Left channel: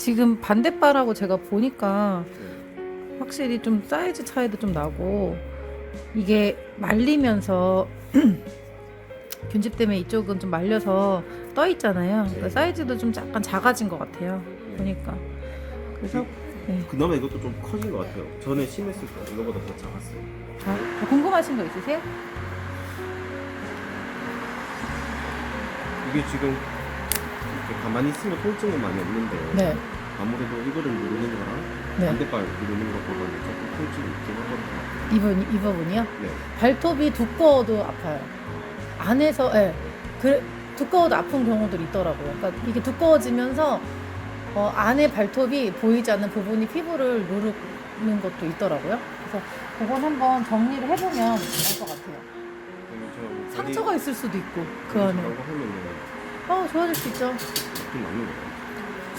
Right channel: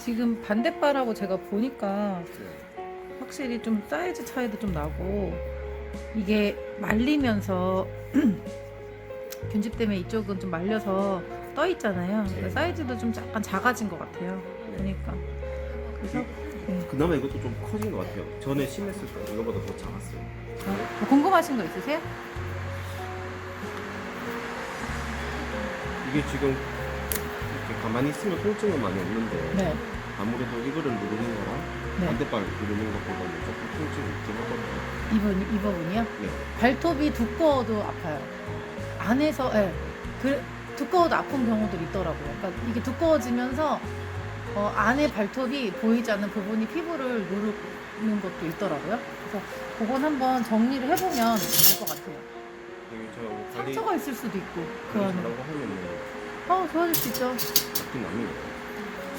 지금 반대바라고 제가 보니까 네. 확실히 좀 사이즈 차이도 좀 나고 이게 말리면서 균집 때문에 이쪽은 좀 말려서 떠 있잖아요. 그러니까 네. 사이즈도 좀 약간 작아진 것 같아요. 네. 보니까 그래서 네. 그나마 이것도 좀 커진 것 같아요. 전에 심했을 때 이거보다 더 작았어요. 어, 뭐 궁금하신 거 있으세요? 이게 지금 이렇게 가만히 있으면 통증은 많이 없는데 네. 아무래도 이거를 누르는 거랑 네. 반대발 누르는 것보다는 조금 통증이 있긴 하거든요. 이번 이 부분이요? 네. 발톱이 두꺼워도 아파요. 안에서 예. 그, 두꺼워도 아픈 경우도 있더라고요. 그러니까 이게 두꺼워지면서 어, 안에 발톱이 보이지 않는 부분이 피부를 누르는 것도 있더라고요. 그래서 그건 한번 정리를 해보면 알 것 같아요. 제가 뭐 관리 상처가 있을 수도 있고 그 안에. 잘하고 하면은 어 좋아질 수 있죠. 나쁜 남는 거예요.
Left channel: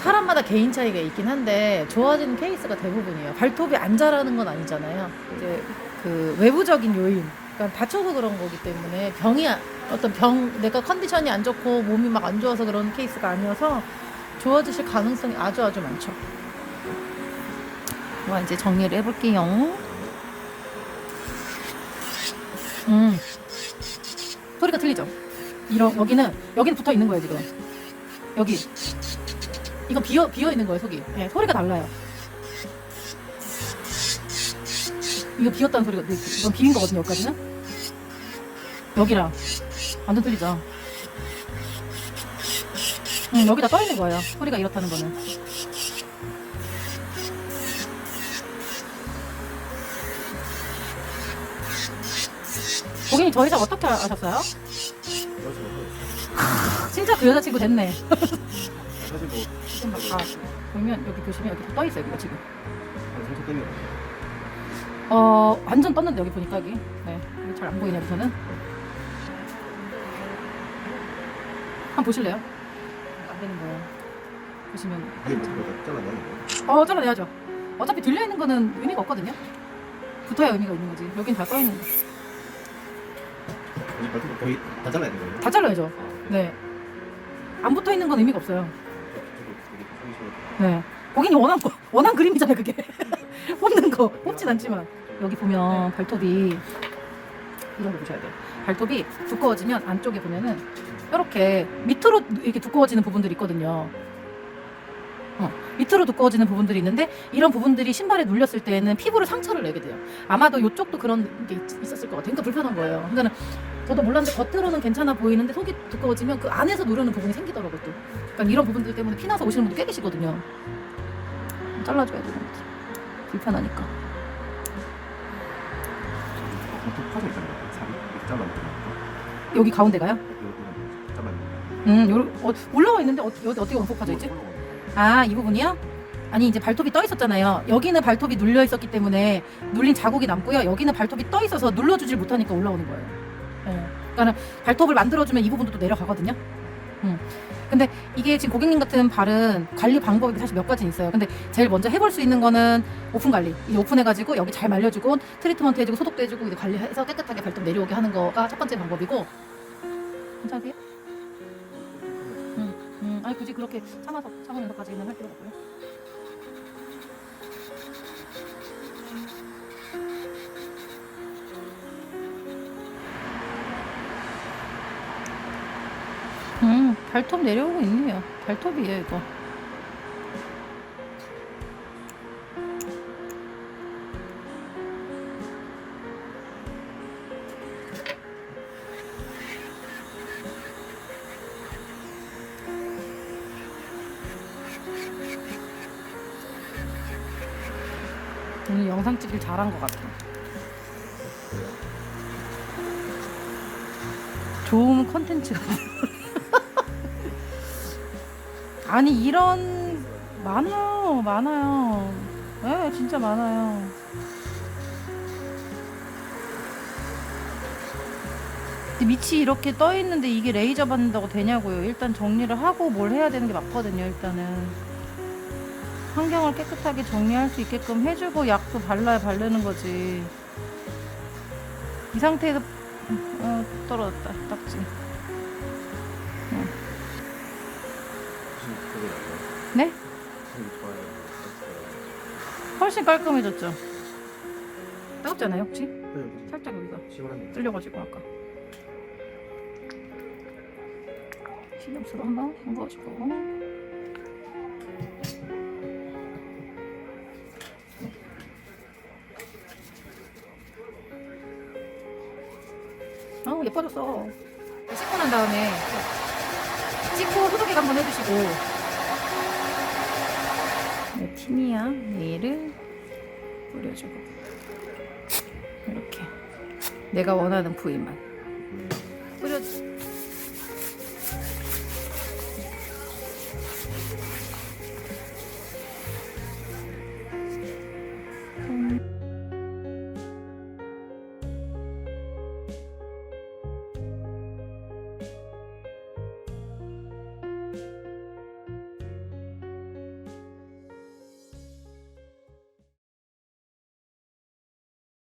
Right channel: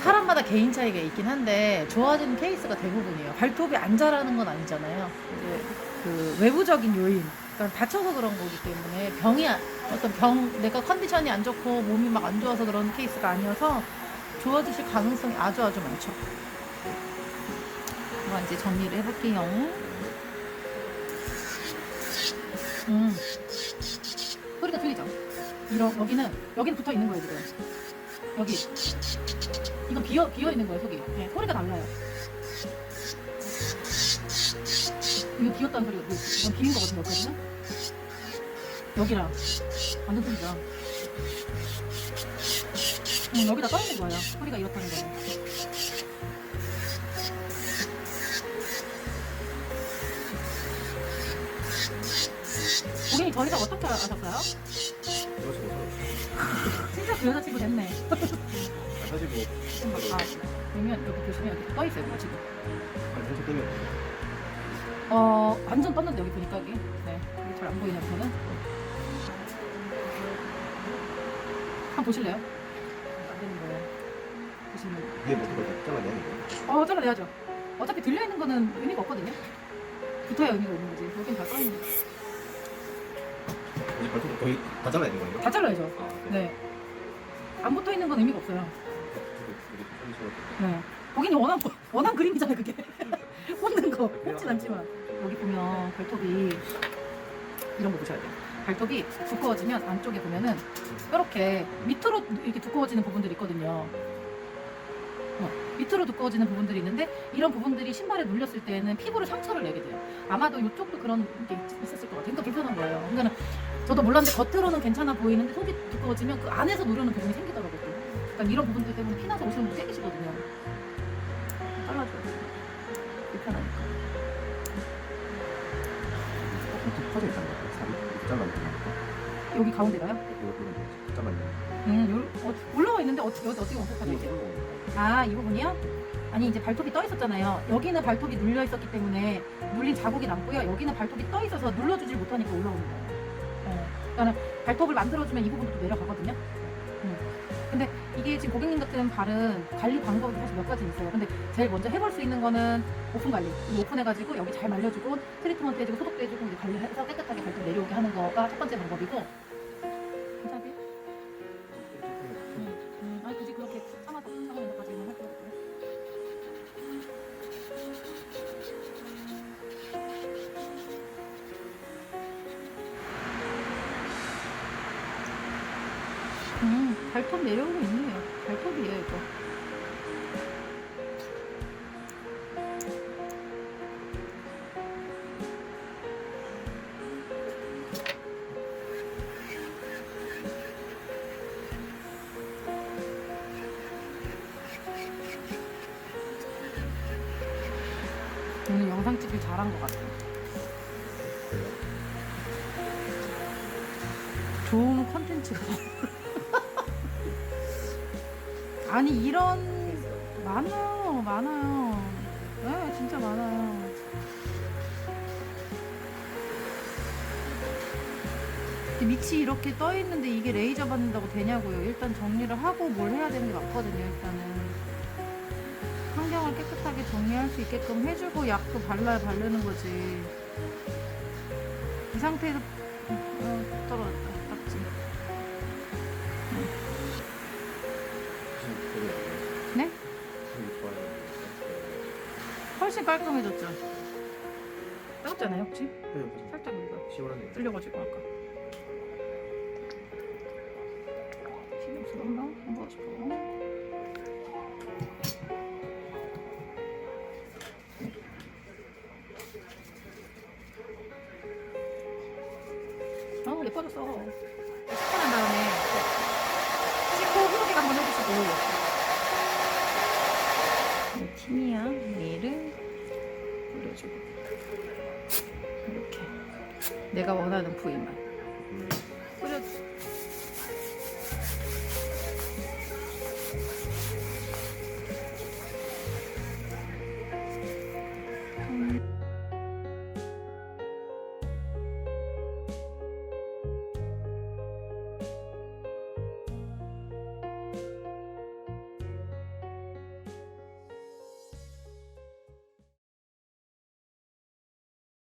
사람마다 개인 차이가 있긴 한데 좋아지는 케이스가 대부분이에요. 발톱이 안 자라는 건 아니잖아요. 이제 그 외부적인 요인, 그러니까 다쳐서 그런 거기 때문에 병이 아- 어떤 병 내가 컨디션이 안 좋고 몸이 막 안 좋아서 그런 케이스가 아니어서 좋아지실 가능성이 아주 아주 많죠. 그럼 이제 정리를 해볼게요. 음 소리가 틀리죠. 이런 여기는 여기는 붙어 있는 거예요 지금. 여기 이거 비어 비어 있는 거예요 속이. 네, 소리가 달라요. 이거 비었다는 소리가 이건 비인 거거든요 여기까지는. 여기랑 완전 틀리죠. 응, 여기다 떠 있는 거예요. 소리가 이렇다는 거는. 고객님 저희 집 어떻게 아셨어요? 그래서 뭐 진짜 그 여자친구 됐네. 아, 사실 뭐 아, 보면 여기 보시면 여기 떠 있어요, 이거 지금. 아니 상처 때문에 어, 완전 떴는데 여기 보니까 여기. 네, 이게 잘 안 보이냐 우선은. 한번 보실래요? 안 되는 거예요. 보시면. 이게 뭐 들어가 잘라내는 거예요? 어, 잘라내야죠. 어차피 들려 있는 거는 의미가 없거든요. 붙어야 의미가 있는 거지. 여긴 다 떠 있는 거. 이 발톱을 거의 다 잘라야 되는 거예요? 다 잘라야죠. 아, 네. 안 붙어 있는 건 의미가 없어요. 네. 고객님 원한 거, 원한 그림이잖아요, 그게. 뽑는 거. 뽑진 않지만. 여기 보면 발톱이 이런 거 보셔야 돼요. 발톱이 두꺼워지면 안쪽에 보면은 이렇게 밑으로 이렇게 두꺼워지는 부분들이 있거든요. 어, 밑으로 두꺼워지는 부분들이 있는데 이런 부분들이 신발에 눌렸을 때에는 피부를 상처를 내게 돼요. 아마도 이쪽도 그런 게 있, 있었을 것 같아요. 그러니까 불편한 거예요. 그러니까 저도 몰랐는데 겉으로는 괜찮아 보이는데 속이 두꺼워지면 그 안에서 누르는 부분이 생기더라고요. 또. 그러니까 이런 부분들 때문에 피나서 오시는 분들 꽤 계시거든요. 잘라줘야 돼요. 불편하니까. 파져. 살이. 여기 가운데가요? 잘라내는 음, 요, 어, 올라와 있는데 어, 여기 어떻게 원폭파져 있지? 아, 이 부분이요? 아니 이제 발톱이 떠 있었잖아요. 여기는 발톱이 눌려 있었기 때문에 눌린 자국이 남고요. 여기는 발톱이 떠 있어서 눌러주질 못하니까 올라오는 거예요. 어. 그러니까 발톱을 만들어주면 이 부분도 또 내려가거든요. 음. 근데 이게 지금 고객님 같은 발은 관리 방법이 사실 몇 가지 있어요. 근데 제일 먼저 해볼 수 있는 거는 오픈 관리. 이 오픈해가지고 여기 잘 말려주고 트리트먼트 해주고 소독도 해주고 이제 관리해서 깨끗하게 발톱 내려오게 하는 거가 첫 번째 방법이고. 괜찮으세요? 굳이 그렇게 참아서 참으는 것까지 는 할 필요가 없고요. 음, 발톱 내려오고 있네요. 발톱이에요, 이거. 오늘 영상 찍길 잘한 것 같아요. 좋은 컨텐츠. 아니 이런 많아요, 많아요. 네, 진짜 많아요. 밑이 이렇게 떠 있는데 이게 레이저 받는다고 되냐고요. 일단 정리를 하고 뭘 해야 되는 게 맞거든요. 일단은. 환경을 깨끗하게 정리할 수 있게끔 해주고 약도 발라야 바르는 거지. 이 상태에서 어, 떨어졌다 딱지. 네? 훨씬 깔끔해졌죠? 따갑잖아요 혹시? 네, 살짝 여기가 시원하네요. 뚫려가지고 아까 식염수로 한번 헹궈주고 어 예뻐졌어. 씻고 난 다음에 씻고 후두개 한번 해주시고. 네, 티미아 네일을 뿌려주고. 이렇게. 내가 원하는 부위만